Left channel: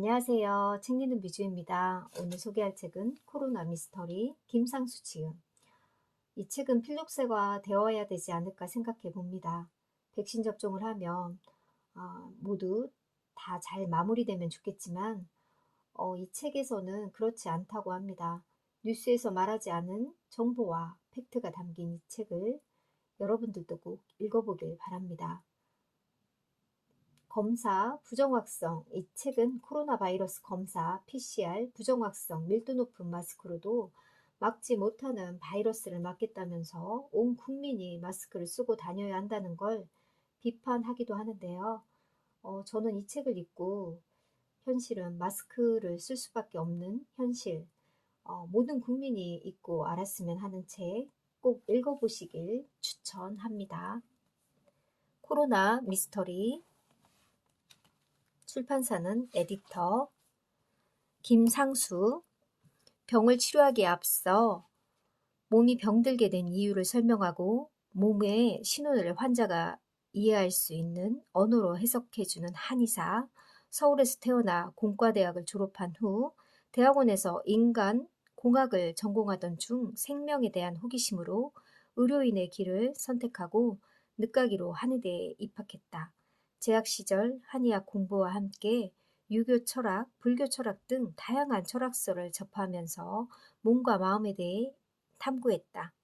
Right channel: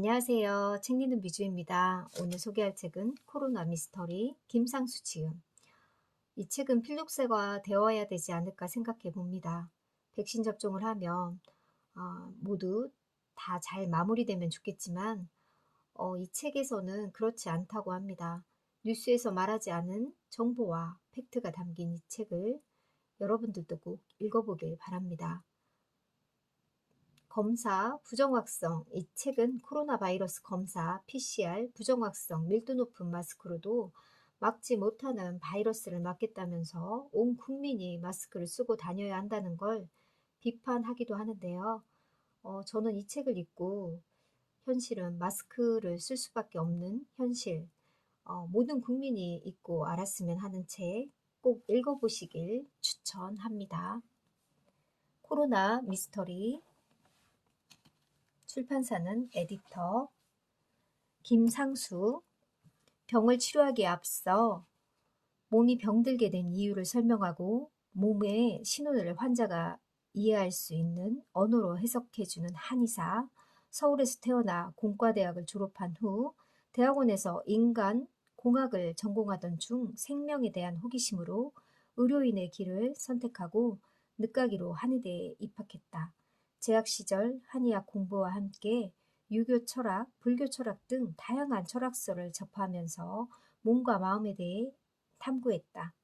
안녕하세요. 책 읽는 미주입니다. 오늘 소개할 책은 코로나 미스터리 김상수 지음. 이 책은 필독서가 되어야 되지 않을까 생각해 봅니다. 백신 접종을 하면 모두 다 잘 마무리되면 좋겠지만 이 책에서는 그렇지 않다고 합니다. 뉴스에서 말하지 않은 정보와 팩트가 담긴 이 책을 여러분들도 꼭 읽어보길 바랍니다. 검사 부정확성. 이 책은 코로나 바이러스 검사 PCR 부정확성 밀도 높은 마스크로도 막지 못하는 바이러스를 막겠다면서 온 국민이 마스크를 쓰고 다녀야 한다는 걸 비판하기도 하는데요. 저는 이 책을 읽고 현실은 마스크를 쓸 수밖에 없는 현실, 모든 국민이 읽고 알았으면 하는 책 꼭 읽어보시길 추천합니다. 코로나 미스터리. 출판사는 에디터 김상수. 병을 치료하기에 앞서 몸이 병들게 된 이유를 설명하고 몸의 신호를 환자가 이해할 수 있는 언어로 해석해주는 한의사. 서울에서 태어나 공과대학을 졸업한 후 대학원에서 인간공학을 전공하던 중 생명에 대한 호기심으로 의료인의 길을 선택하고 늦가기로 한의대에 입학했다. 재학 시절 한의학 공부와 함께 유교 철학, 불교 철학 등 다양한 철학서를 접하면서 몸과 마음에 대해 탐구했다.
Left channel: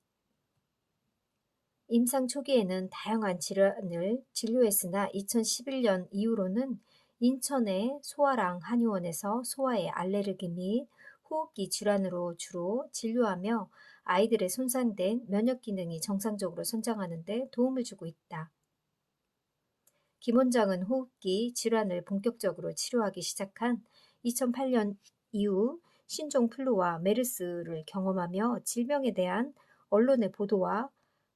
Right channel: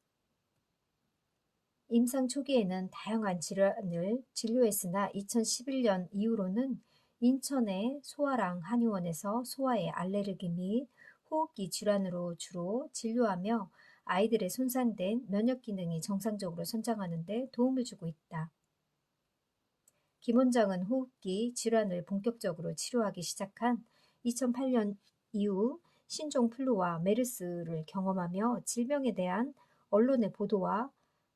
임상 초기에는 다양한 질환을 진료했으나 2011년 이후로는 인천의 소아랑 한의원에서 소아의 알레르기 및 호흡기 질환으로 주로 진료하며 아이들의 손상된 면역 기능이 정상적으로 성장하는 데 도움을 주고 있다. 김 원장은 호흡기 질환을 본격적으로 치료하기 시작한 2008년 이후 신종플루와 메르스를 경험하며 질병에 대한 언론의 보도와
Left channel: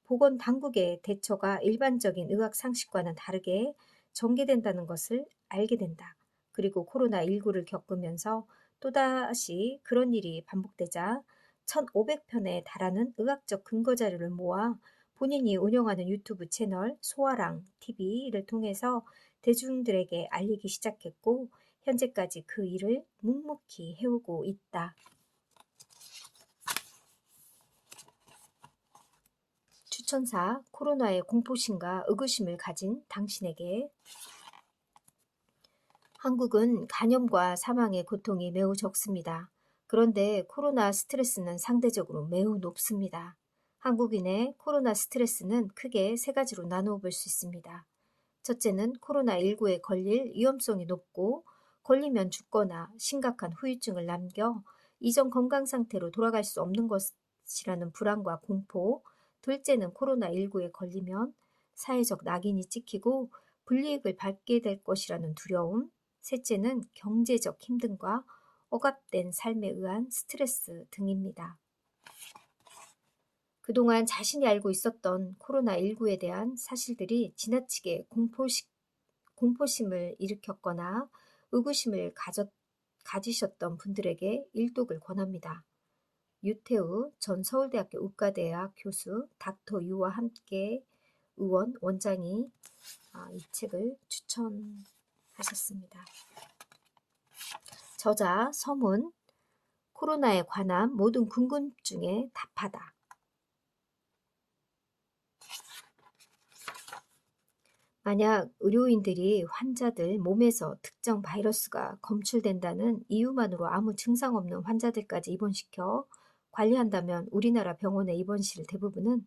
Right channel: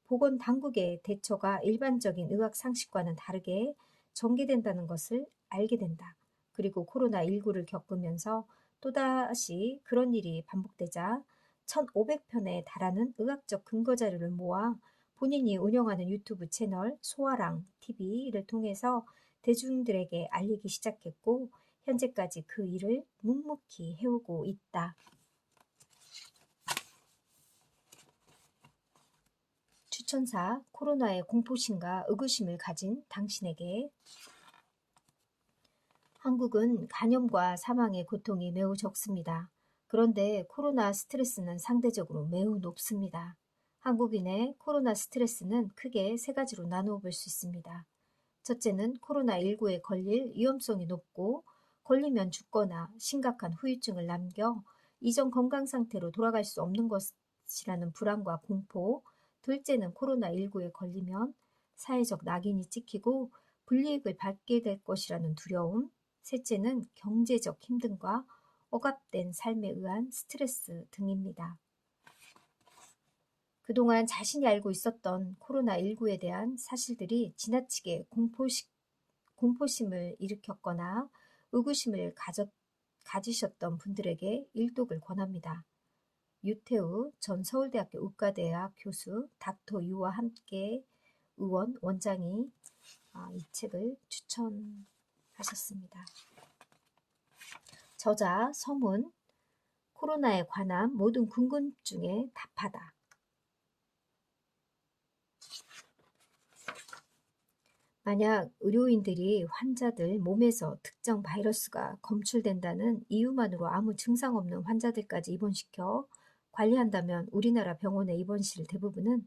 보건당국의 대처가 일반적인 의학 상식과는 다르게 전개된다는 것을 알게 된다. 그리고 코로나19를 겪으면서 또다시 그런 일이 반복되자 1500편에 달하는 의학적 근거 자료를 모아 본인이 운영하는 유튜브 채널 소아랑 TV를 통해서 대중들에게 알리기 시작했고 현재까지 그 일을 묵묵히 해오고 있다. 추천사. 코로나의 공포심과 의구심을 가진 당신에게. 한국은 간염과 사망의 고통이 매우 적습니다. 그런데 코로나 스트레스는 상대적으로 매우 높습니다. 한국인의 코로나 스트레스는 크게 세 가지로 나누어 볼 수 있습니다. 첫째는 코로나19에 걸릴 위험성이 높고 걸리면 죽거나 심각한 후유증을 남겨 이전 건강 상태로 돌아갈 수 없는 것이라는 불안과 공포. 둘째는 코로나19에 걸리면 사회적 낙인이 찍히고 불이익을 받게 될 것이라는 두려움. 셋째는 경제적 힘듦과 억압된 삶에 의한 스트레스 등입니다. 그동안 자신이 알고 있었던 코로나19에 대한 사실들이 지나치게 공포심을 일으켰거나 의구심을 가지셨던 분들에게 일독을 권합니다. 유태우 전 서울대학교 의과대학 교수, 닥터 유와 함께 의원, 원장이 이 책을 추천하셨습니다. 저자 서문. 코로나에 관한 모든 궁금증에 답하다. 만약 의료인들이 환자들 몸에서 특정 바이러스가 검출된다는 이유만으로 아무 증상 없는 환자들까지 입원시켜 관리한다면 우리나라 병원의 입원실 대부분은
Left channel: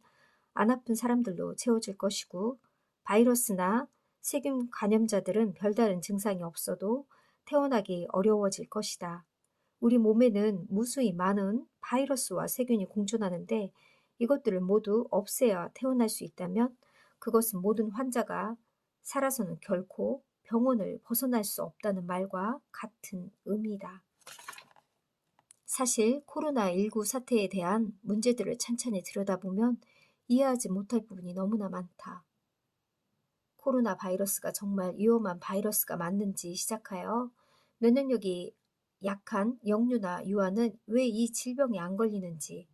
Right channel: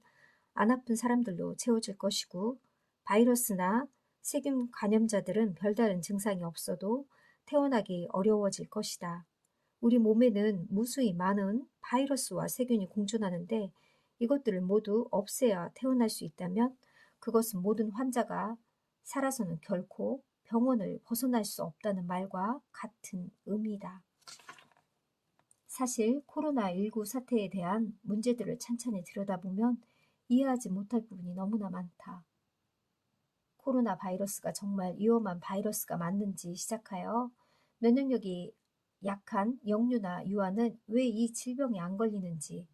안 아픈 사람들로 채워질 것이고 바이러스나 세균 감염자들은 별다른 증상이 없어도 퇴원하기 어려워질 것이다. 우리 몸에는 무수히 많은 바이러스와 세균이 공존하는데 이것들을 모두 없애야 퇴원할 수 있다면 그것은 모든 환자가 살아서는 결코 병원을 벗어날 수 없다는 말과 같은 의미다. 사실 코로나19 사태에 대한 문제들을 찬찬히 들여다보면 이해하지 못할 부분이 너무나 많다. 코로나 바이러스가 정말 위험한 바이러스가 맞는지 시작하여 면역력이 약한 영유나 유아는 왜 이 질병에 안 걸리는지,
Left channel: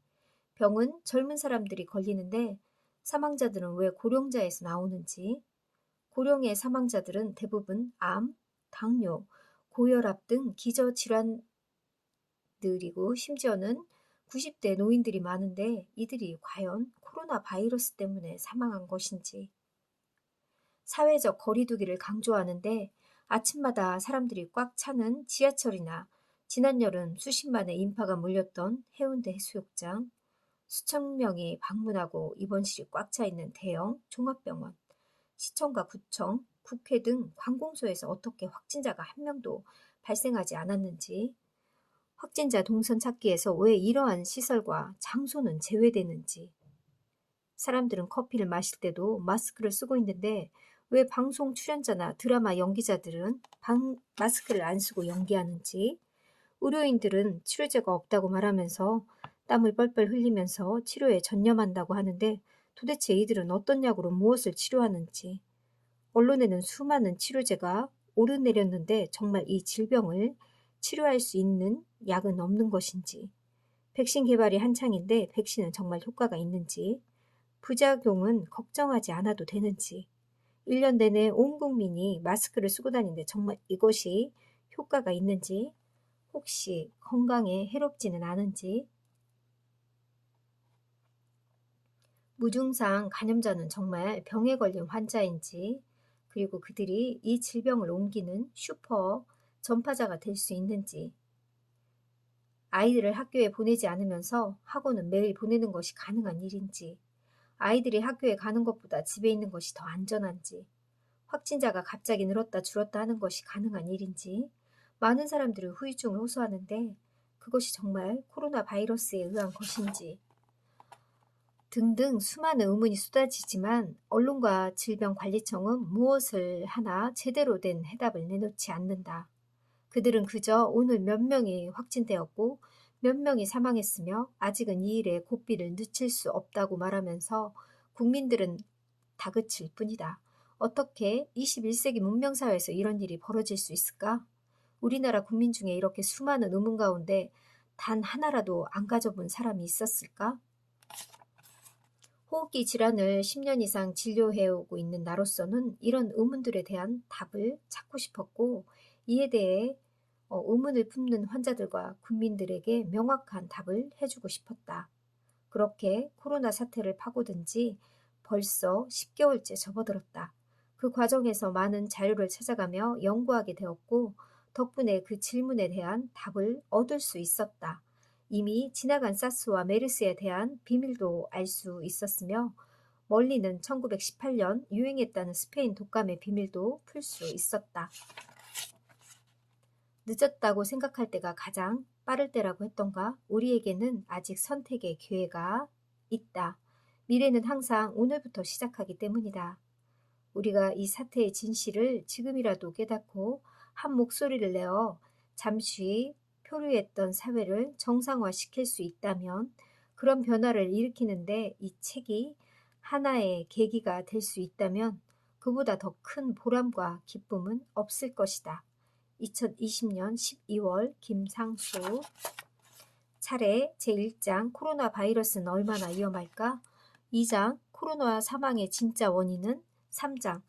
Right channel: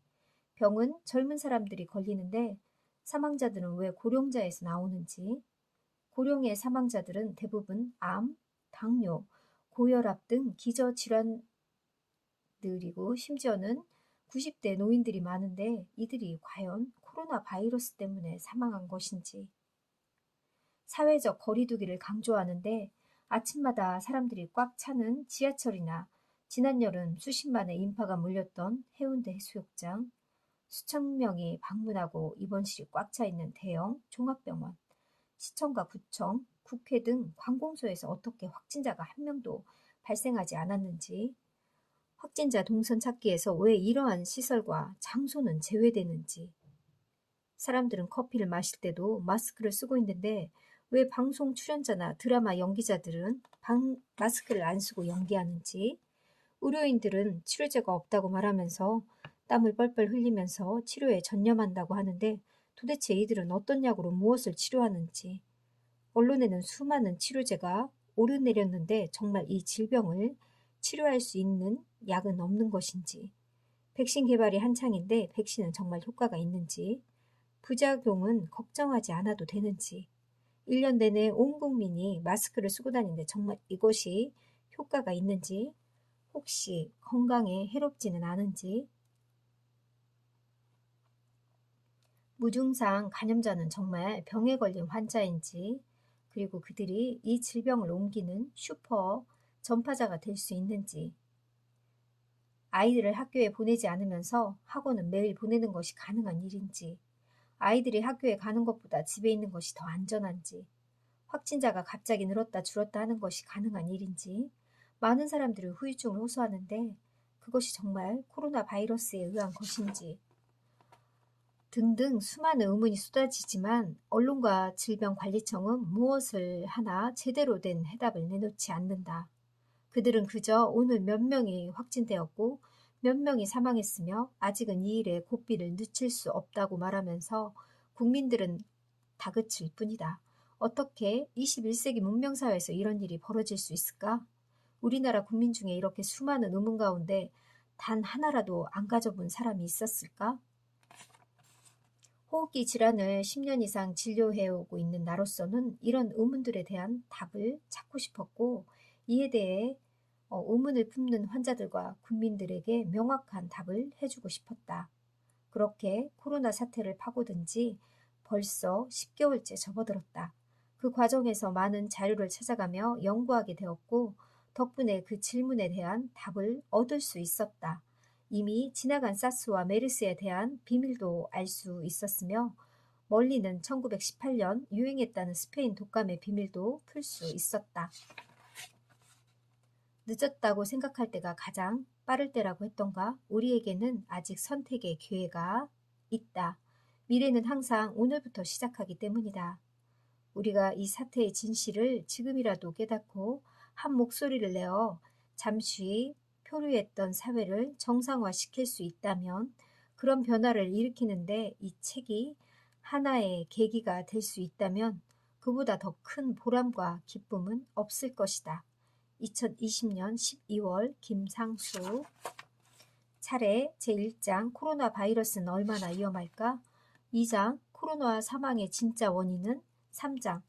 병은 젊은 사람들이 걸리는데 사망자들은 왜 고령자에서 나오는지, 고령의 사망자들은 대부분 암, 당뇨, 고혈압 등 기저질환들이고 심지어는 90대 노인들이 많은데 이들이 과연 코로나 바이러스 때문에 사망한 것인지. 사회적 거리두기를 강조하는데 아침마다 사람들이 꽉 차는 지하철이나 지난 여름 수십만의 인파가 몰렸던 해운대 해수욕장, 수천 명이 방문하고 입원실이 꽉 차 있는 대형 종합병원, 시청과 구청, 국회 등 관공서에서 어떻게 확진자가 한 명도 발생하지 않았는지, 확진자 동선 찾기에서 왜 이러한 시설과 장소는 제외되는지, 사람들은 커피를 마실 때도 마스크를 쓰고 있는데 왜 방송 출연자나 드라마 연기자들은 마스크를 안 쓰고 연기하는지, 의료인들은 치료제가 없다고 말하면서 땀을 뻘뻘 흘리면서 치료에 전념한다고 하는데 도대체 이들은 어떤 약으로 무엇을 치료하는지, 언론에는 수많은 치료제가 오르내렸는데 정말 이 질병을 치료할 수 있는 약은 없는 것인지, 백신 개발이 한창인데 백신은 정말 효과가 있는지, 부작용은 걱정하지 않아도 되는지, 1년 내내 온 국민이 마스크를 쓰고 다니는데 정말 이것이 효과가 있는지, 혹시 건강에 해롭지는 않은지, 무증상 감염자는 정말 병에 걸린 환자인지, 그리고 그들이 이 질병을 옮기는 슈퍼 전파자가 될 수 있는지, 아이들을 학교에 보내지 않으면서 학원은 매일 보내는 것이 가능한 일인지, 아이들이 학교에 가는 것보다 집에 있는 것이 더 안전한지, 확진자가 갑자기 늘었다 줄었다 하는 것이 가능한 일인지, 많은 사람들이 후유증을 호소하는데 그것이 정말 코로나 바이러스에 의한 것인지 등등 수많은 의문이 쏟아지지만 언론과 질병관리청은 무엇을 하나 제대로 된 해답을 내놓지 않는다. 그들은 그저 오늘 몇 명이 확진되었고 몇 명이 사망했으며 아직은 이 일에 고삐를 늦출 수 없다고 말하면서 국민들은 다그칠 뿐이다. 어떻게 21세기 문명사회에서 이런 일이 벌어질 수 있을까? 우리나라 국민 중에 이렇게 수많은 의문 가운데 단 하나라도 안 가져본 사람이 있었을까? 호흡기 질환을 10년 이상 진료해오고 있는 나로서는 이런 의문들에 대한 답을 찾고 싶었고, 이에 대해 의문을 품는 환자들과 국민들에게 명확한 답을 해주고 싶었다. 그렇게 코로나 사태를 파고든 지 벌써 10개월째 접어들었다. 그 과정에서 많은 자료를 찾아가며 연구하게 되었고, 덕분에 그 질문에 대한 답을 얻을 수 있었다. 이미 지나간 사스와 메르스에 대한 비밀도 알 수 있었으며, 멀리는 1918년 유행했다는 스페인 독감의 비밀도 풀 수 있었다. 늦었다고 생각할 때가 가장 빠를 때라고 했던가? 우리에게는 아직 선택의 기회가 있다. 미래는 항상 오늘부터 시작하기 때문이다. 우리가 이 사태의 진실을 지금이라도 깨닫고 한 목소리를 내어 잠시 표류했던 사회를 정상화시킬 수 있다면, 그런 변화를 일으키는데 이 책이 하나의 계기가 될 수 있다면 그보다 더 큰 보람과 기쁨은 없을 것이다. 2020년 12월 김상수. 차례 제1장 코로나 바이러스는 얼마나 위험할까? 2장 코로나 사망의 진짜 원인은? 3장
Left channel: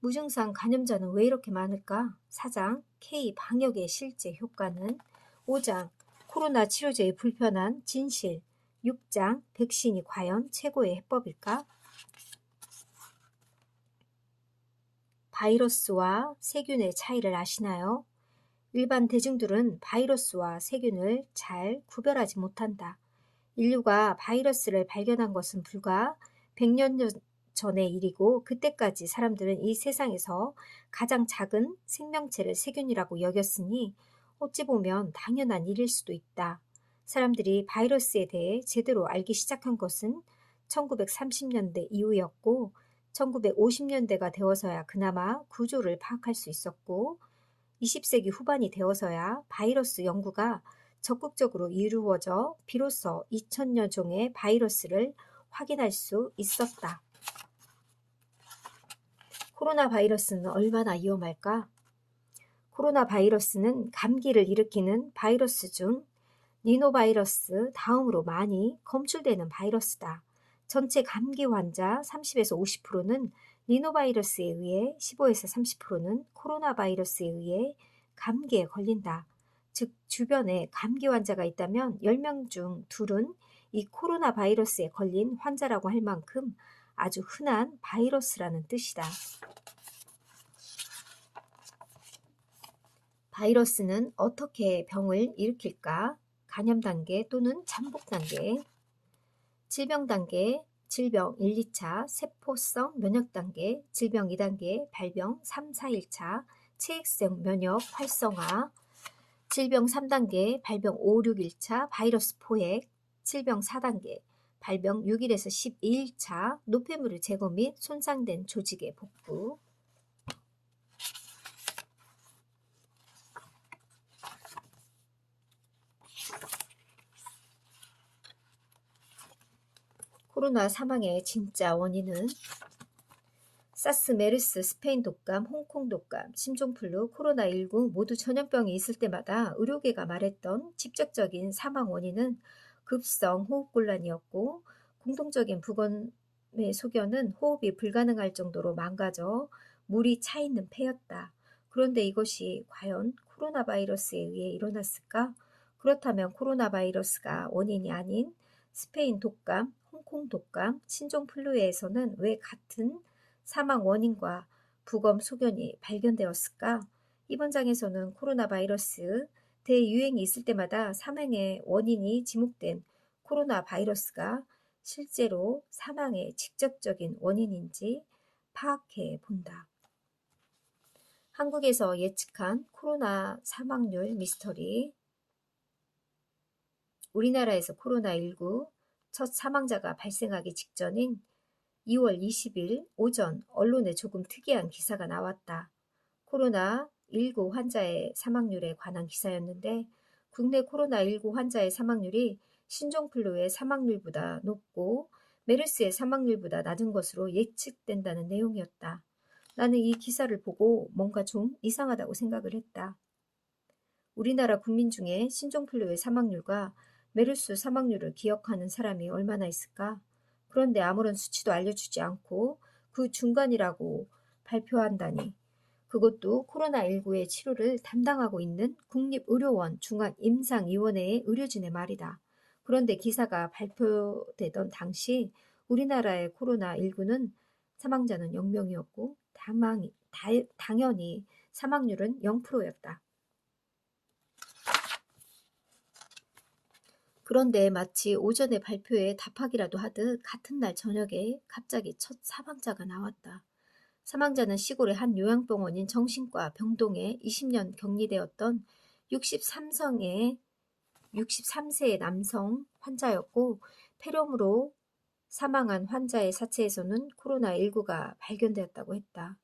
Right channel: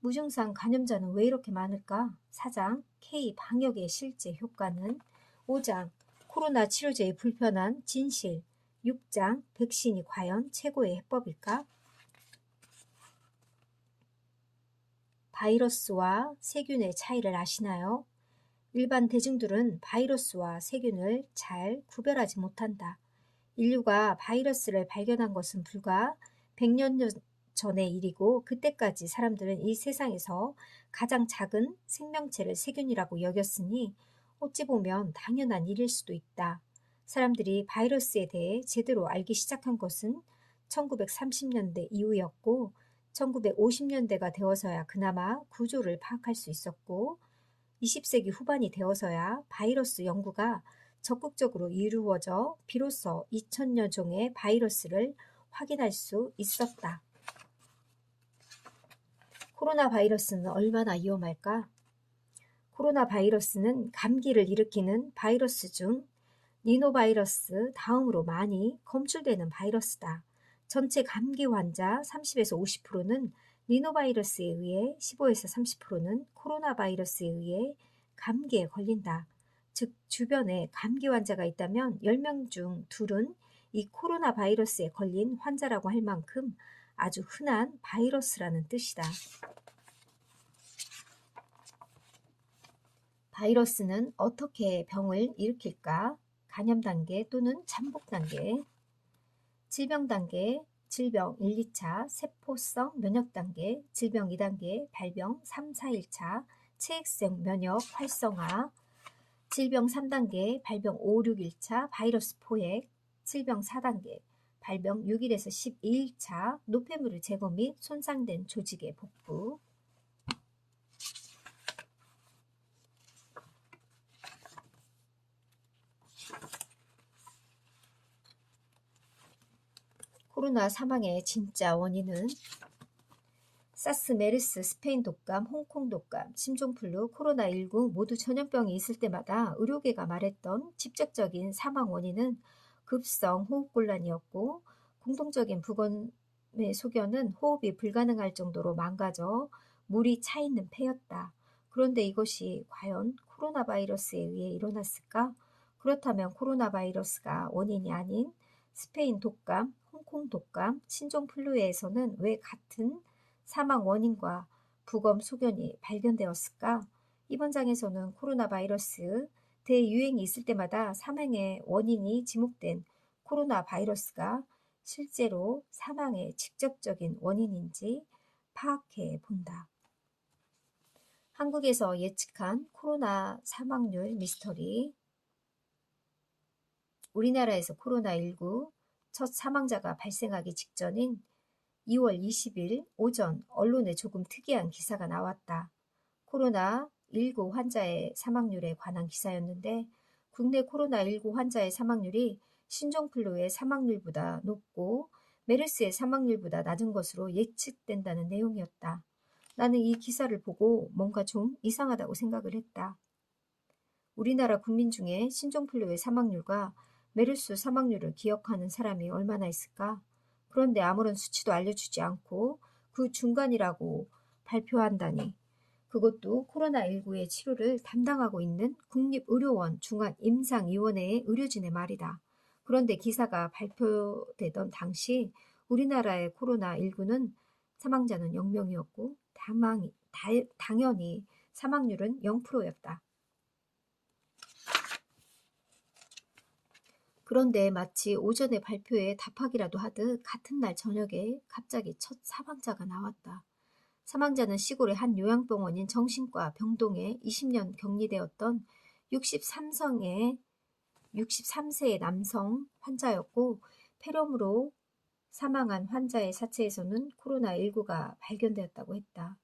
무증상 감염자는 왜 이렇게 많을까? 4장 K 방역의 실제 효과는? 5장 코로나 치료제의 불편한 진실. 6장 백신이 과연 최고의 해법일까? 바이러스와 세균의 차이를 아시나요? 일반 대중들은 바이러스와 세균을 잘 구별하지 못한다. 인류가 바이러스를 발견한 것은 불과 100년 전의 일이고, 그때까지 사람들은 이 세상에서 가장 작은 생명체를 세균이라고 여겼으니 어찌 보면 당연한 일일 수도 있다. 사람들이 바이러스에 대해 제대로 알기 시작한 것은 1930년대 이후였고, 1950년대가 되어서야 그나마 구조를 파악할 수 있었고, 20세기 후반이 되어서야 바이러스 연구가 적극적으로 이루어져 비로소 2000여 종의 바이러스를 확인할 수 있었다. 코로나 바이러스는 얼마나 위험할까? 코로나 바이러스는 감기를 일으키는 바이러스 중 리노바이러스 다음으로 많이 검출되는 바이러스다. 전체 감기 환자 30에서 50%는 리노바이러스에 의해, 15에서 30%는 코로나 바이러스에 의해 감기에 걸린다. 즉, 주변에 감기 환자가 있다면 10명 중 2은 이 코로나 바이러스에 걸린 환자라고 할 만큼 아주 흔한 바이러스라는 뜻이다. 바이러스는 어떻게 병을 일으킬까? 감염 단계 또는 잠복 단계, 질병 단계, 질병 1, 2차, 세포성 면역 단계, 질병 2단계, 발병 3, 4, 1차, 체액성 면역 활성화, 질병 3단계, 발병 5, 6, 1차, 바이러스 포획, 질병 4단계, 발병 6일에서 12일차, 노폐물을 제거 및 손상된 조직의 복구. 코로나 사망의 진짜 원인은 사스, 메르스, 스페인 독감, 홍콩 독감, 신종플루, 코로나19 모두 전염병이 있을 때마다 의료계가 말했던 직접적인 사망 원인은 급성 호흡곤란이었고, 공통적인 부검의 소견은 호흡이 불가능할 정도로 망가져 물이 차 있는 폐였다. 그런데 이것이 과연 코로나 바이러스에 의해 일어났을까? 그렇다면 코로나 바이러스가 원인이 아닌 스페인 독감, 홍콩 독감, 신종플루에서는 왜 같은 사망 원인과 부검 소견이 발견되었을까? 이번 장에서는 코로나 바이러스 대유행이 있을 때마다 사망의 원인이 지목된 코로나 바이러스가 실제로 사망의 직접적인 원인인지 파악해 본다. 한국에서 예측한 코로나 사망률 미스터리. 우리나라에서 코로나19 첫 사망자가 발생하기 직전인 2월 20일 오전 언론에 조금 특이한 기사가 나왔다. 코로나19 환자의 사망률에 관한 기사였는데, 국내 코로나19 환자의 사망률이 신종플루의 사망률보다 높고 메르스의 사망률보다 낮은 것으로 예측된다는 내용이었다. 나는 이 기사를 보고 뭔가 좀 이상하다고 생각을 했다. 우리나라 국민 중에 신종플루의 사망률과 메르스 사망률을 기억하는 사람이 얼마나 있을까? 그런데 아무런 수치도 알려주지 않고 그 중간이라고 발표한다니. 그것도 코로나19의 치료를 담당하고 있는 국립의료원 중앙임상위원회의 의료진의 말이다. 그런데 기사가 발표되던 당시 우리나라의 코로나19는 사망자는 0명이었고 당연히 사망률은 0%였다. 그런데 마치 오전에 발표에 답하기라도 하듯 같은 날 저녁에 갑자기 첫 사망자가 나왔다. 사망자는 시골의 한 요양병원인 정신과 병동에 20년 격리되었던 63세의 남성 환자였고, 폐렴으로 사망한 환자의 사체에서는 코로나19가 발견되었다고 했다.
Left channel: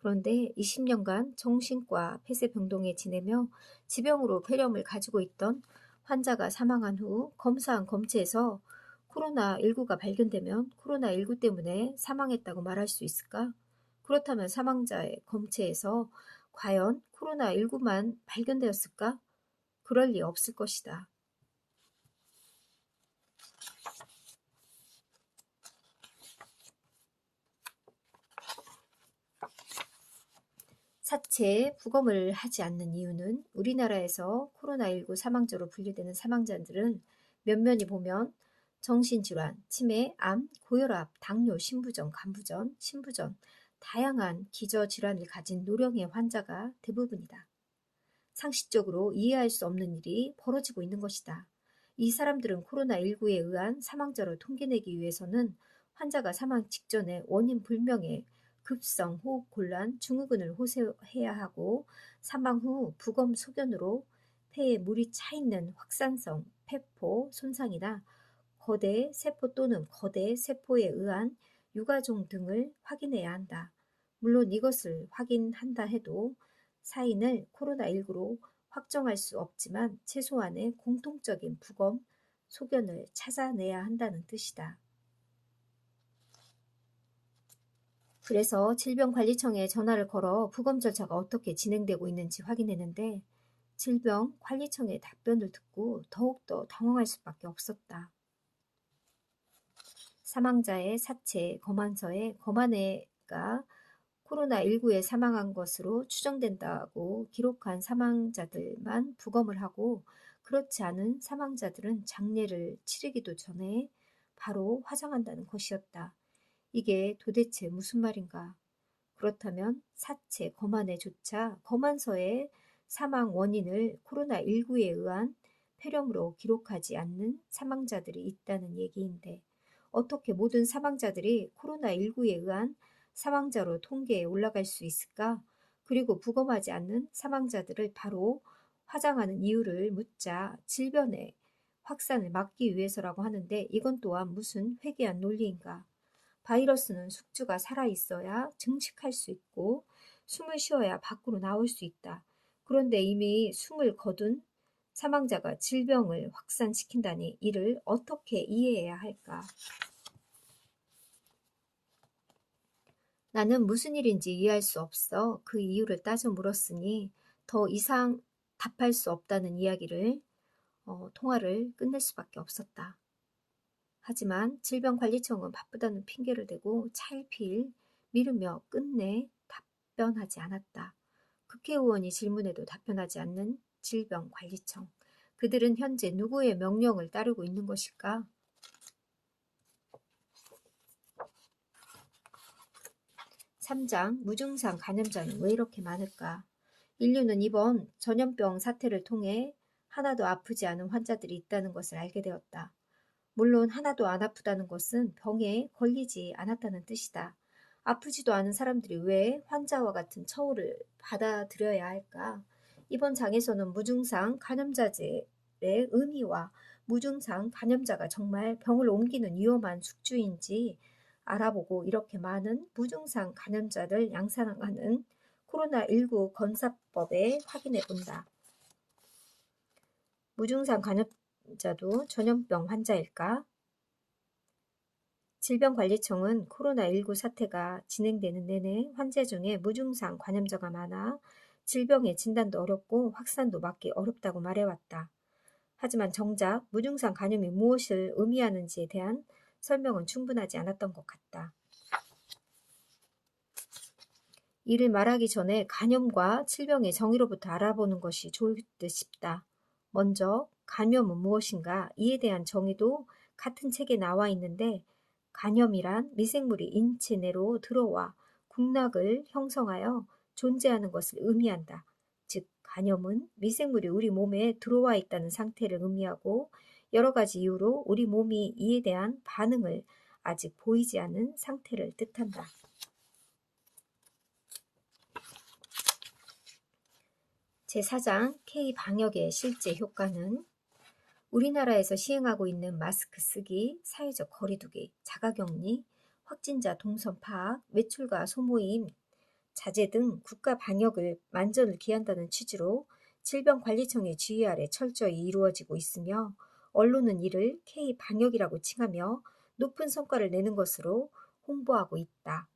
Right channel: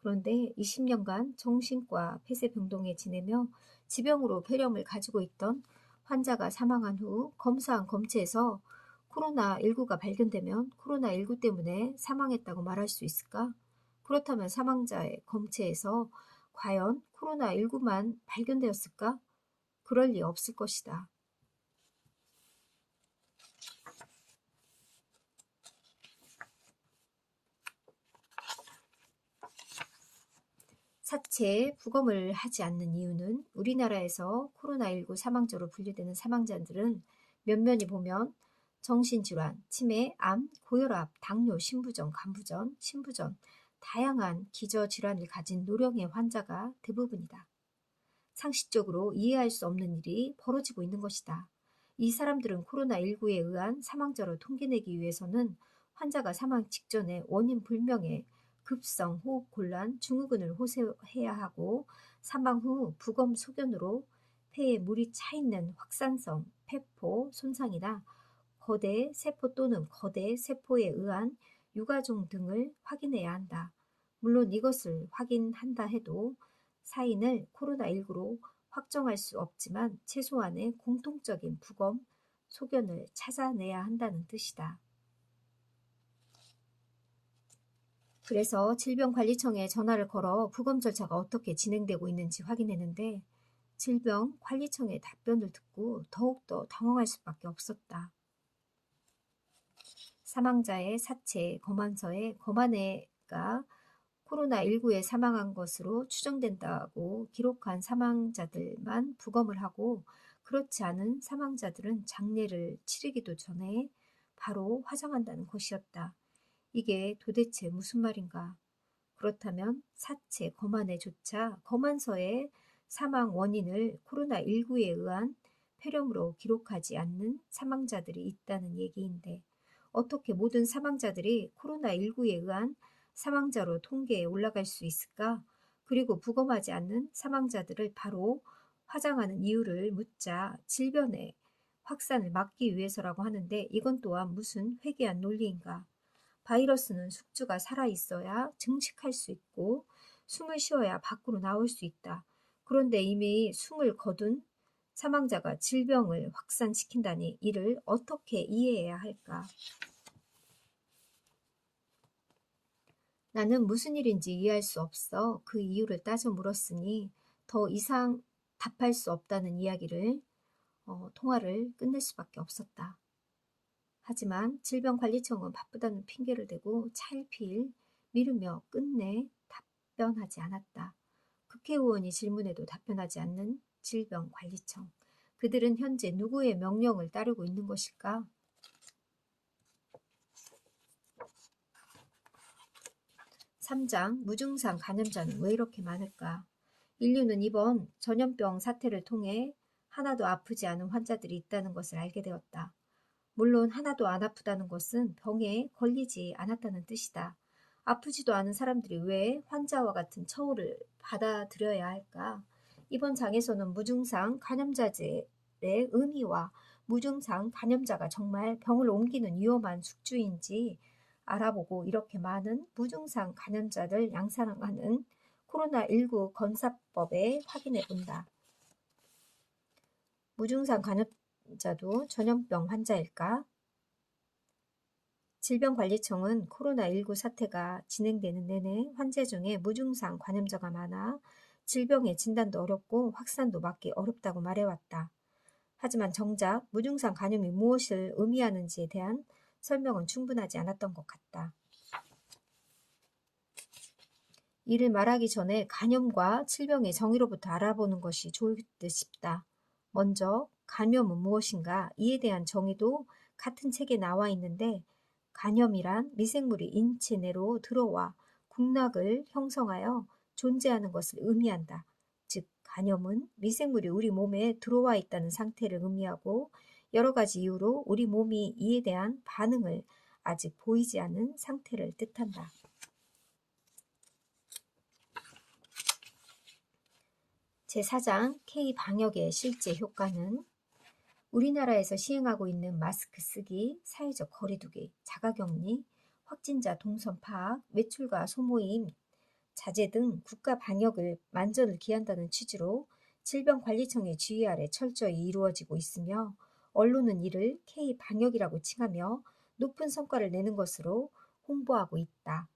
그런데 20년간 정신과 폐쇄병동에 지내며 지병으로 폐렴을 가지고 있던 환자가 사망한 후 검사한 검체에서 코로나19가 발견되면 코로나19 때문에 사망했다고 말할 수 있을까? 그렇다면 사망자의 검체에서 과연 코로나19만 발견되었을까? 그럴 리 없을 것이다. 사체에 부검을 하지 않는 이유는 우리나라에서 코로나19 사망자로 분류되는 사망자들은 면면히 보면 정신질환, 치매, 암, 고혈압, 당뇨, 신부전, 간부전, 신부전, 다양한 기저질환을 가진 노령의 환자가 대부분이다. 상식적으로 이해할 수 없는 일이 벌어지고 있는 것이다. 이 사람들은 코로나19에 의한 사망자로 통계내기 위해서는 환자가 사망 직전에 원인 불명의 급성 호흡곤란, 증후군을 호소해야 하고, 사망 후 부검 소견으로 폐에 물이 차 있는 확산성 폐포 손상이나 거대 세포 또는 거대 세포에 의한 유가종 등을 확인해야 한다. 물론 이것을 확인한다 해도 사인을 코로나19로 확정할 수 없지만 최소한의 공통적인 부검 소견을 찾아내야 한다는 뜻이다. 그래서 질병관리청에 전화를 걸어 부검 절차가 어떻게 진행되고 있는지 확인했는데, 질병관리청의 답변을 듣고 더욱더 당황할 수밖에 없었다. 사망자의 사체 검안서에 검안애가 코로나19에 사망한 것으로 추정된다고 기록한 사망자들만 부검을 하고 그렇지 않은 사망자들은 장례를 치르기도 전에 바로 화장한다는 것이었다. 이게 도대체 무슨 말인가? 그렇다면 사체 검안에조차 검안서에 사망 원인을 코로나19에 의한 폐렴으로 기록하지 않는 사망자들이 있다는 얘기인데 어떻게 모든 사망자들이 코로나19에 의한 사망자로 통계에 올라갈 수 있을까? 그리고 부검하지 않는 사망자들을 바로 화장하는 이유를 묻자 질병의 확산을 막기 위해서라고 하는데 이건 또한 무슨 회개한 논리인가? 바이러스는 숙주가 살아있어야 증식할 수 있고 숨을 쉬어야 밖으로 나올 수 있다. 그런데 이미 숨을 거둔 사망자가 질병을 확산시킨다니 이를 어떻게 이해해야 할까? 나는 무슨 일인지 이해할 수 없어 그 이유를 따져 물었으니 더 이상 답할 수 없다는 이야기를 통화를 끝낼 수밖에 없었다. 하지만 질병관리청은 바쁘다는 핑계를 대고 차일피일 미루며 끝내 답변하지 않았다. 국회의원이 질문에도 답변하지 않는 질병관리청. 그들은 현재 누구의 명령을 따르고 있는 것일까? 3장 무증상 감염자는 왜 이렇게 많을까? 인류는 이번 전염병 사태를 통해 하나도 아프지 않은 환자들이 있다는 것을 알게 되었다. 물론 하나도 안 아프다는 것은 병에 걸리지 않았다는 뜻이다. 아프지도 않은 사람들이 왜 환자와 같은 처우를 받아들여야 할까? 이번 장에서는 무증상 감염자의 의미와 무증상 감염자가 정말 병을 옮기는 위험한 숙주인지 알아보고 이렇게 많은 무증상 감염자를 양산하는 코로나19 건사법에 확인해 본다. 무증상 감염자도 전염병 환자일까? 질병관리청은 코로나19 사태가 진행되는 내내 환자 중에 무증상 감염자가 많아 질병의 진단도 어렵고 확산도 막기 어렵다고 말해왔다. 하지만 정작 무증상 감염이 무엇을 의미하는지에 대한 설명은 충분하지 않았던 것 같다. 이를 말하기 전에 감염과 질병의 정의로부터 알아보는 것이 좋을 듯 싶다. 먼저 감염은 무엇인가 이에 대한 정의도 같은 책에 나와 있는데 감염이란 미생물이 인체 내로 들어와 국락을 형성하여 존재하는 것을 의미한다. 즉 감염은 미생물이 우리 몸에 들어와 있다는 상태를 의미하고 여러 가지 이유로 우리 몸이 이에 대한 반응을 아직 보이지 않은 상태를 뜻한다. 제4장 K방역의 실제 효과는 우리나라에서 시행하고 있는 마스크 쓰기, 사회적 거리두기, 자가격리, 확진자 동선 파악, 외출과 소모임, 자제 등 국가 방역을 만전을 기한다는 취지로 질병관리청의 지휘 아래 철저히 이루어지고 있으며 언론은 이를 K방역이라고 칭하며 높은 성과를 내는 것으로 홍보하고 있다.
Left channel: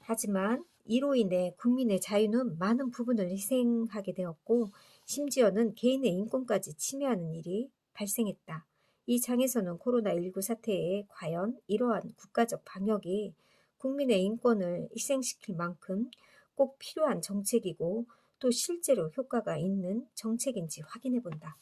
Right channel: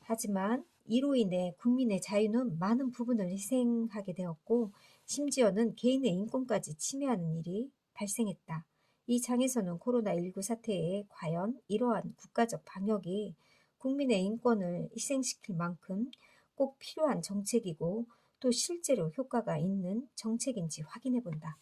하지만 이로 인해 국민의 자유는 많은 부분을 희생하게 되었고 심지어는 개인의 인권까지 침해하는 일이 발생했다. 이 장에서는 코로나19 사태에 과연 이러한 국가적 방역이 국민의 인권을 희생시킬 만큼 꼭 필요한 정책이고 또 실제로 효과가 있는 정책인지 확인해 본다.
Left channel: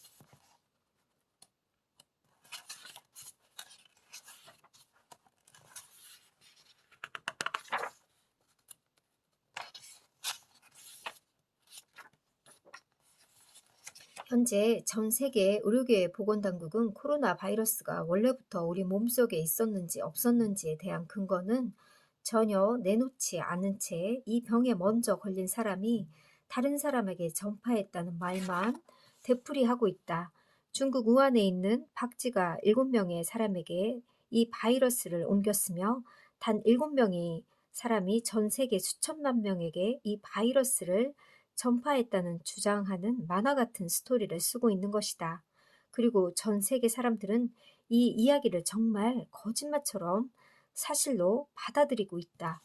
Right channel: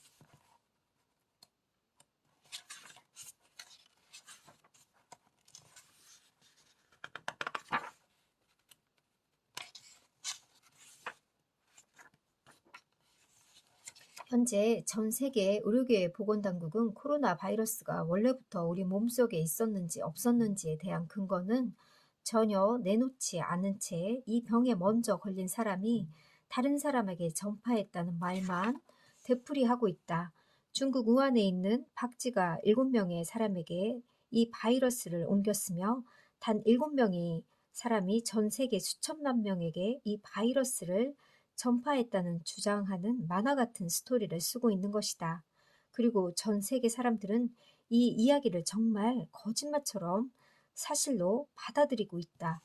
현재 전 세계 의료계 보건당국은 코로나 바이러스가 원래부터 우리 몸속에 있었는지 없었는지에 대한 근거는 전혀 내놓지 않은 채 이 병에 먼저 걸린 사람이 다른 사람에게 전파했다는 말만 되풀이하고 있다. 중국 우한에 있는 박쥐가 7명의 사람에게 이 바이러스를 옮겼으며 단 7명의 사람이 전 세계 수천만 명에게 이 바이러스를 전파했다는 주장하는 만화 같은 스토리를 쓰고 있는 것이다. 그리고 전 세계 사람들은 이 이야기를 정말 거짓말처럼 사실로 받아들이고 있다.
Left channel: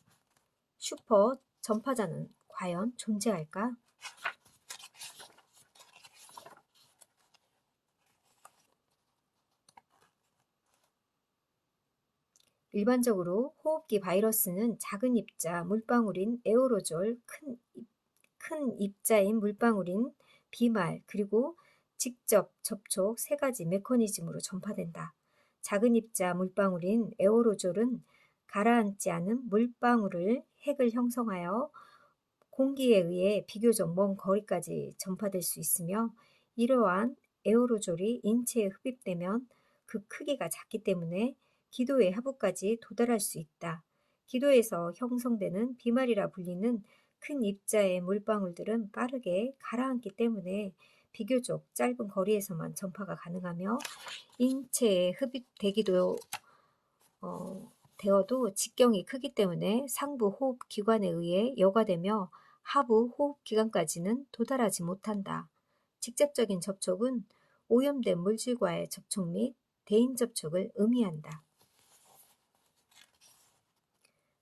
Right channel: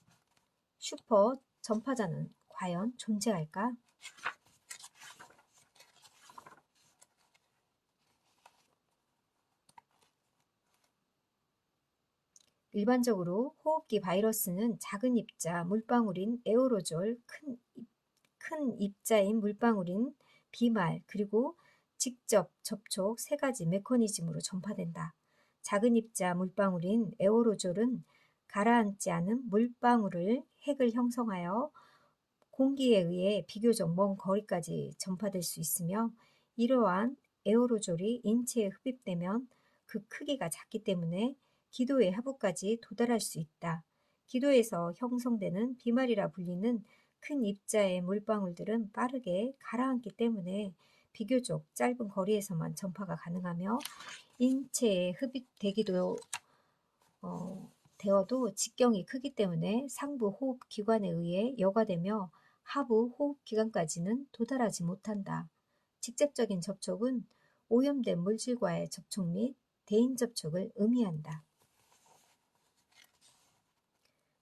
슈퍼 전파자는 과연 존재할까? 일반적으로 호흡기 바이러스는 작은 입자 물방울인 에어로졸, 큰 입자인 물방울인 비말, 그리고 직접 접촉 세 가지 메커니즘으로 전파된다. 작은 입자 물방울인 에어로졸은 가라앉지 않은 물방울을 핵을 형성하여 공기에 의해 비교적 먼 거리까지 전파될 수 있으며, 이러한 에어로졸이 인체에 흡입되면 그 크기가 작기 때문에 기도의 하부까지 도달할 수 있다. 기도에서 형성되는 비말이라 불리는 큰 입자의 물방울들은 빠르게 가라앉기 때문에 비교적 짧은 거리에서만 전파가 가능하며, 인체에 흡입되기도 되어도 직경이 크기 때문에 상부 호흡 기관에 의해 여과되며 하부 호흡 기관까지는 도달하지 못한다. 직접적인 접촉은 오염된 물질과의 접촉 및 대인 접촉을 의미한다.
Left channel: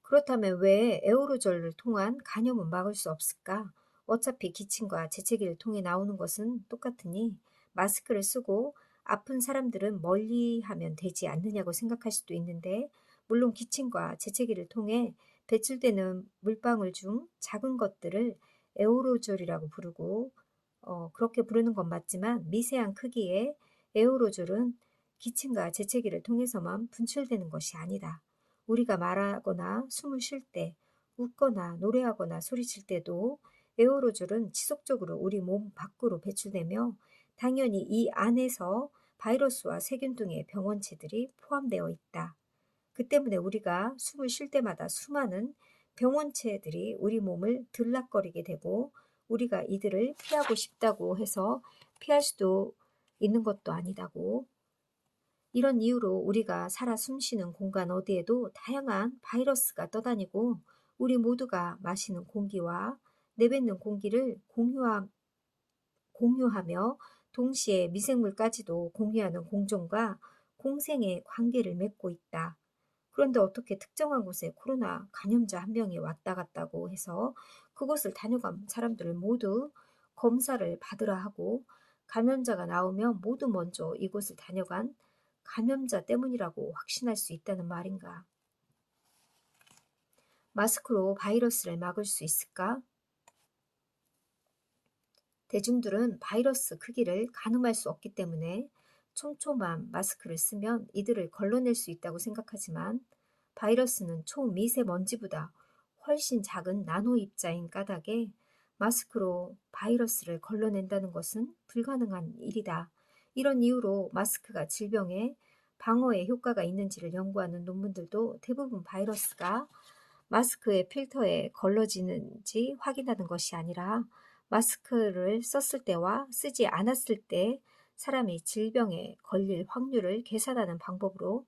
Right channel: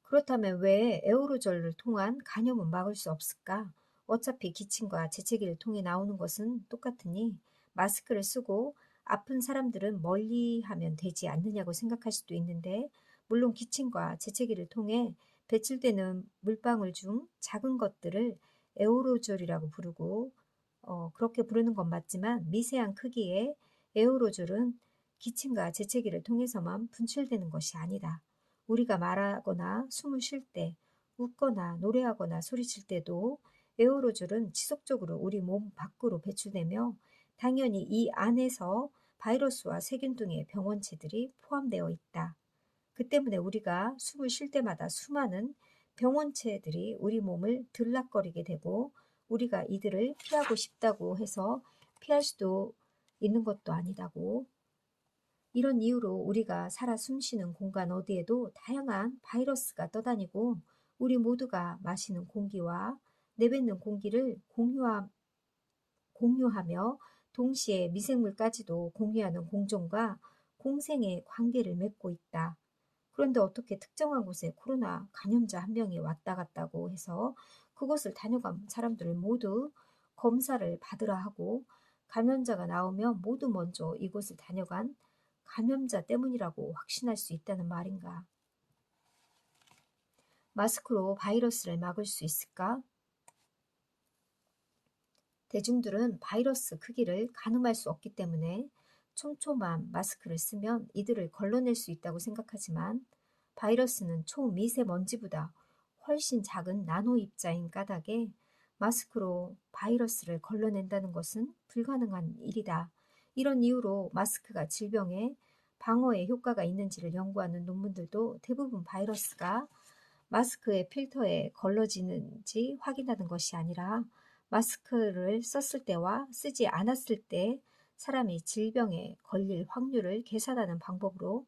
그렇다면 왜 에어로졸을 통한 감염은 막을 수 없을까? 어차피 기침과 재채기를 통해 나오는 것은 똑같으니 마스크를 쓰고 아픈 사람들은 멀리하면 되지 않느냐고 생각할 수도 있는데, 물론 기침과 재채기를 통해 배출되는 물방울 중 작은 것들을 에어로졸이라고 부르고, 그렇게 부르는 건 맞지만 미세한 크기의 에어로졸은 기침과 재채기를 통해서만 분출되는 것이 아니다. 우리가 말하거나 숨을 쉴 때, 웃거나 노래하거나 소리칠 때도 에어로졸은 지속적으로 우리 몸 밖으로 배출되며, 당연히 이 안에서 바이러스와 세균 등의 병원체들이 포함되어 있다. 그 때문에 우리가 숨을 쉴 때마다 수많은 병원체들이 우리 몸을 들락거리게 되고, 우리가 이들을 피하고 싶다고 해서 피할 수도 있는 것도 아니다고. 이런 이유로 우리가 살아 숨쉬는 공간 어디에도 다양한 바이러스가 떠다니고, 우리 모두가 마시는 공기와 내뱉는 공기를 공유하며 동시에 미생물까지도 공유하는 공존과 공생의 관계를 맺고 있다. 그런데 어떻게 특정한 곳에 코로나 감염자 한 명이 왔다 갔다고 해서 그곳을 다녀간 사람들을 모두 검사를 받으라 하고, 감염자가 나오면 모두 먼저 이곳을 다녀간 감염자 때문이라고 확신할 수 있다는 말인가? 마스크로 바이러스를 막을 수 있을까? 대중들은 바이러스 크기를 가늠할 수 없기 때문에 촘촘한 마스크를 쓰면 이들을 걸러낼 수 있다고 생각하지만, 바이러스는 초미세먼지보다 훨씬 작은 나노 입자인 까닭에 마스크로 바이러스를 걸러낸다는 것은 불가능한 일이다. 이런 이유로 마스크가 질병에 방어에 효과가 있는지를 연구하는 논문들도 대부분 바이러스가 마스크의 필터에 걸러지는지 확인하는 것이 아니라 마스크를 썼을 때와 쓰지 않았을 때 사람이 질병에 걸릴 확률을 계산하는 방법으로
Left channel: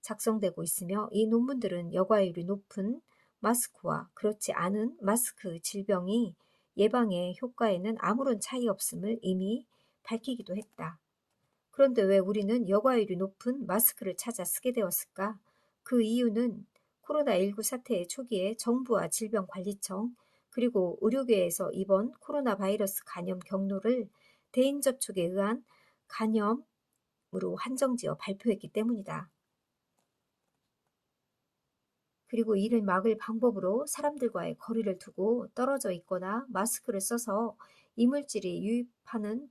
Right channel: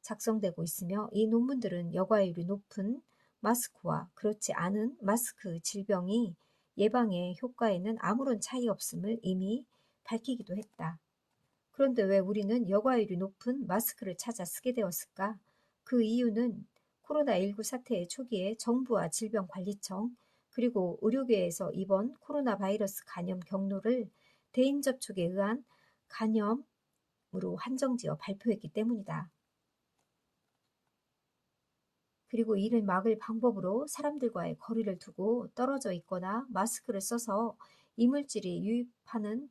작성되고 있으며, 이 논문들은 여과율이 높은 마스크와 그렇지 않은 마스크 질병이 예방의 효과에는 아무런 차이 없음을 이미 밝히기도 했다. 그런데 왜 우리는 여과율이 높은 마스크를 찾아 쓰게 되었을까? 그 이유는 코로나19 사태의 초기에 정부와 질병관리청, 그리고 의료계에서 이번 코로나 바이러스 감염 경로를 대인 접촉에 의한 감염으로 한정지어 발표했기 때문이다. 그리고 이를 막을 방법으로 사람들과의 거리를 두고 떨어져 있거나 마스크를 써서 이물질이 유입하는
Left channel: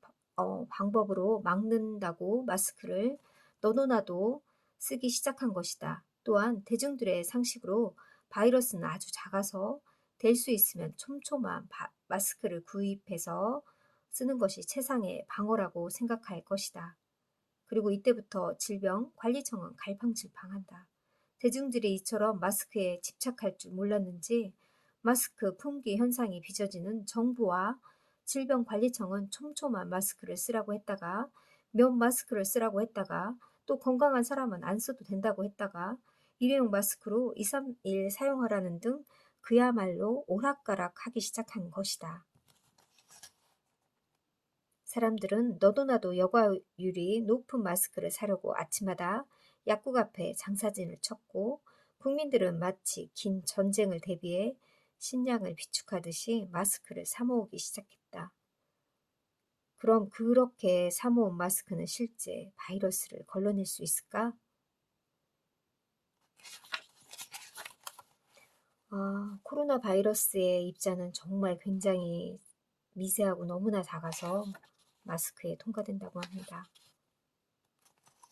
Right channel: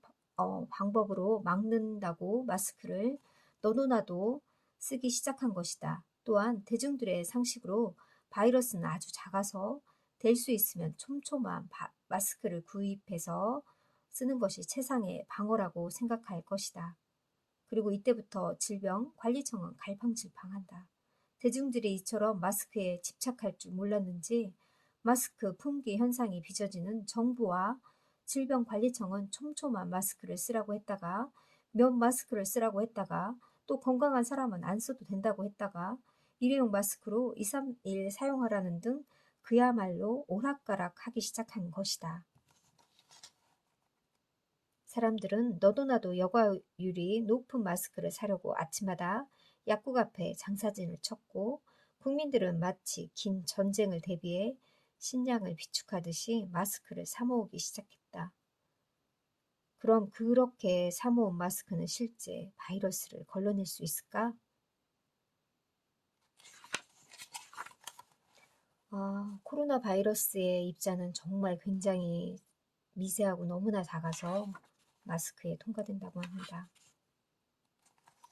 방법으로 막는다고 마스크를 너도나도 쓰기 시작한 것이다. 또한 대중들의 상식으로 바이러스는 아주 작아서 될 수 있으면 촘촘한 마스크를 구입해서 쓰는 것이 최상의 방어라고 생각할 것이다. 그리고 이때부터 질병관리청은 갈팡질팡한다. 대중들이 이처럼 마스크에 집착할 줄 몰랐는지 마스크 품귀 현상이 빚어지는 정부와 질병관리청은 촘촘한 마스크를 쓰라고 했다가, 면 마스크를 쓰라고 했다가, 또 건강한 사람은 안 써도 된다고 했다가 일회용 마스크로 2, 3일 사용하라는 등 그야말로 오락가락하기 시작한 것이다. 사람들은 너도 나도 여과율이 높은 마스크를 사려고 아침마다 약국 앞에 장사진을 쳤고, 국민들은 마치 긴 전쟁을 대비해 식량을 비축하듯이 마스크를 사모으기 시작했다. 그럼 그렇게 사모은 마스크는 실제 바이러스를 걸러낼 수 있을까? 코로나 바이러스의 입자는 정말 굉장히 미세하고 너무나 작아서 마스크에 통과된다고 합니다.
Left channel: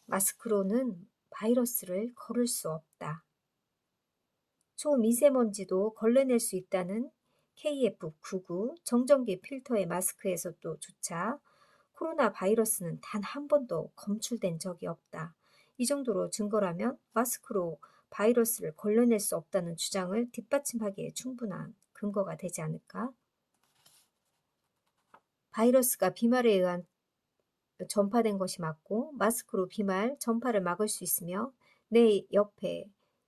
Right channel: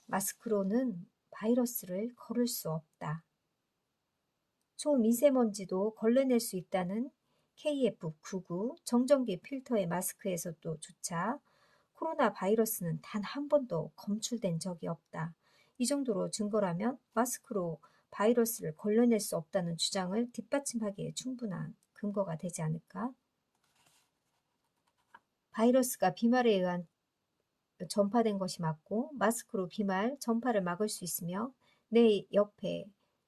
마스크로는 바이러스를 걸을 수 없다. 초미세먼지도 걸러낼 수 있다는 KF99 정전기 필터의 마스크에서도 조차 코로나 바이러스는 단 한 번도 검출된 적이 없다. 이 정도로 증거라면 마스크로 바이러스를 걸러낼 수 없다는 주장을 뒷받침하기에 충분한 근거가 되지 않을까? 바이러스가 비말에 의한 전파된 것이 맞고 마스크로 비말 전파를 막을 수 있으며 내 옆에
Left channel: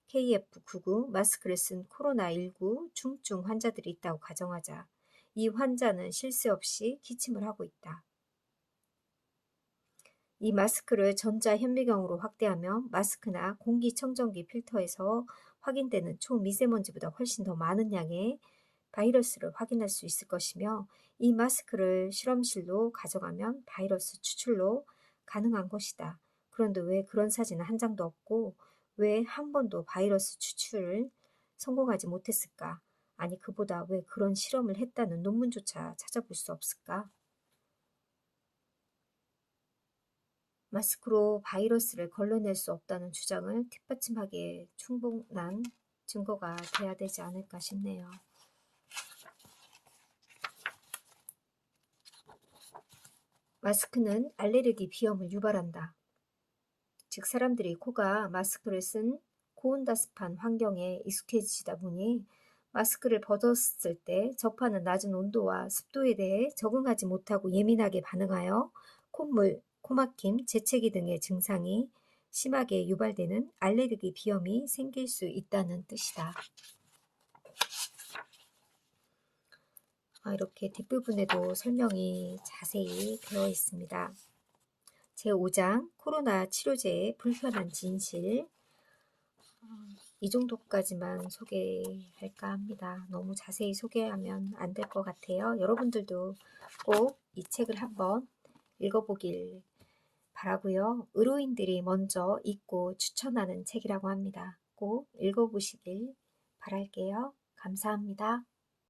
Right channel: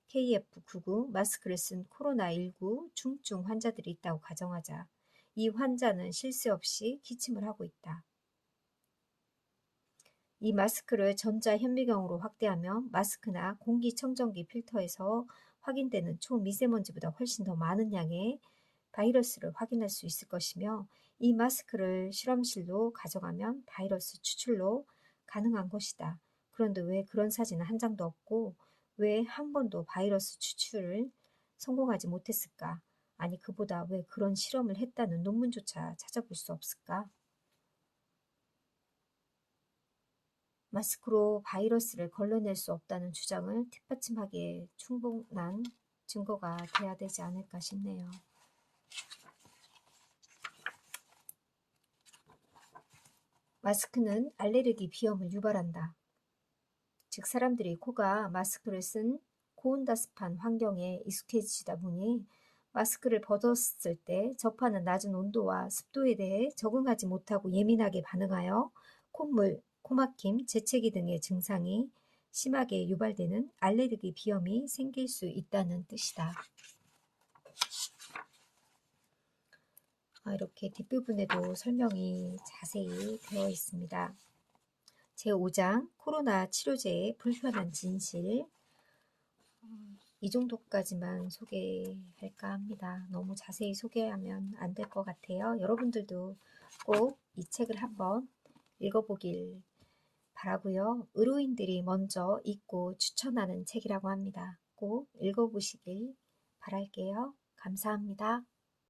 KF99 마스크를 쓴 코로나19 중증 환자들이 있다고 가정하자. 이 환자는 쉴 새 없이 기침을 하고 있다. 이 마스크를 전자현미경으로 확대하면 마스크나 공기청정기 필터에서 확인되는 초미세먼지보다 훨씬 더 많은 양의 바이러스를 확인할 수 있을 것이며 이 마스크를 실험실로 가져가면 바이러스 추출로 가능한 것이다. 그런데 왜 그런 사진은 한 장도 없고 왜 한 번도 바이러스 추출을 성공하지 못했을까? 아니 그보다 왜 그런 실험을 했다는 논문조차 찾아볼 수 없을까? 마스크로 바이러스를 걸러낼 수 없다는 주장을 뒷받침하기에 충분한 증거가 돼야 되지 않을까 싶네요. 마스크는 알레르기 비염을 유발한다. 즉 사람들이 코가 마스크를 쓴 고온다습한 환경에 익숙해지다 보니 마스크를 벗었을 때 접하는 낮은 온도와 습도에 대해 적응하지 못하고 예민하게 반응하여 콧물, 코막힘, 재채기 등의 증상이 심하게 유발되는 알레르기 비염이 생길 수 있다는 뜻이다. 이렇게 뒷부분에도 설명이 자세히 되어 있습니다. 제5장 코로나 치료제의 불편한 진실. 이 정도까지만 소개할까 합니다. 너무 자세히 소개하면 안 될 것 같아요. 여러분들도 꼭 이 책을 한번 읽어보길 바라고요. 의료인들이 먼저 읽고 추천하는 책이라고 합니다. 꼭 읽어보시길 바랄게요. 감사합니다.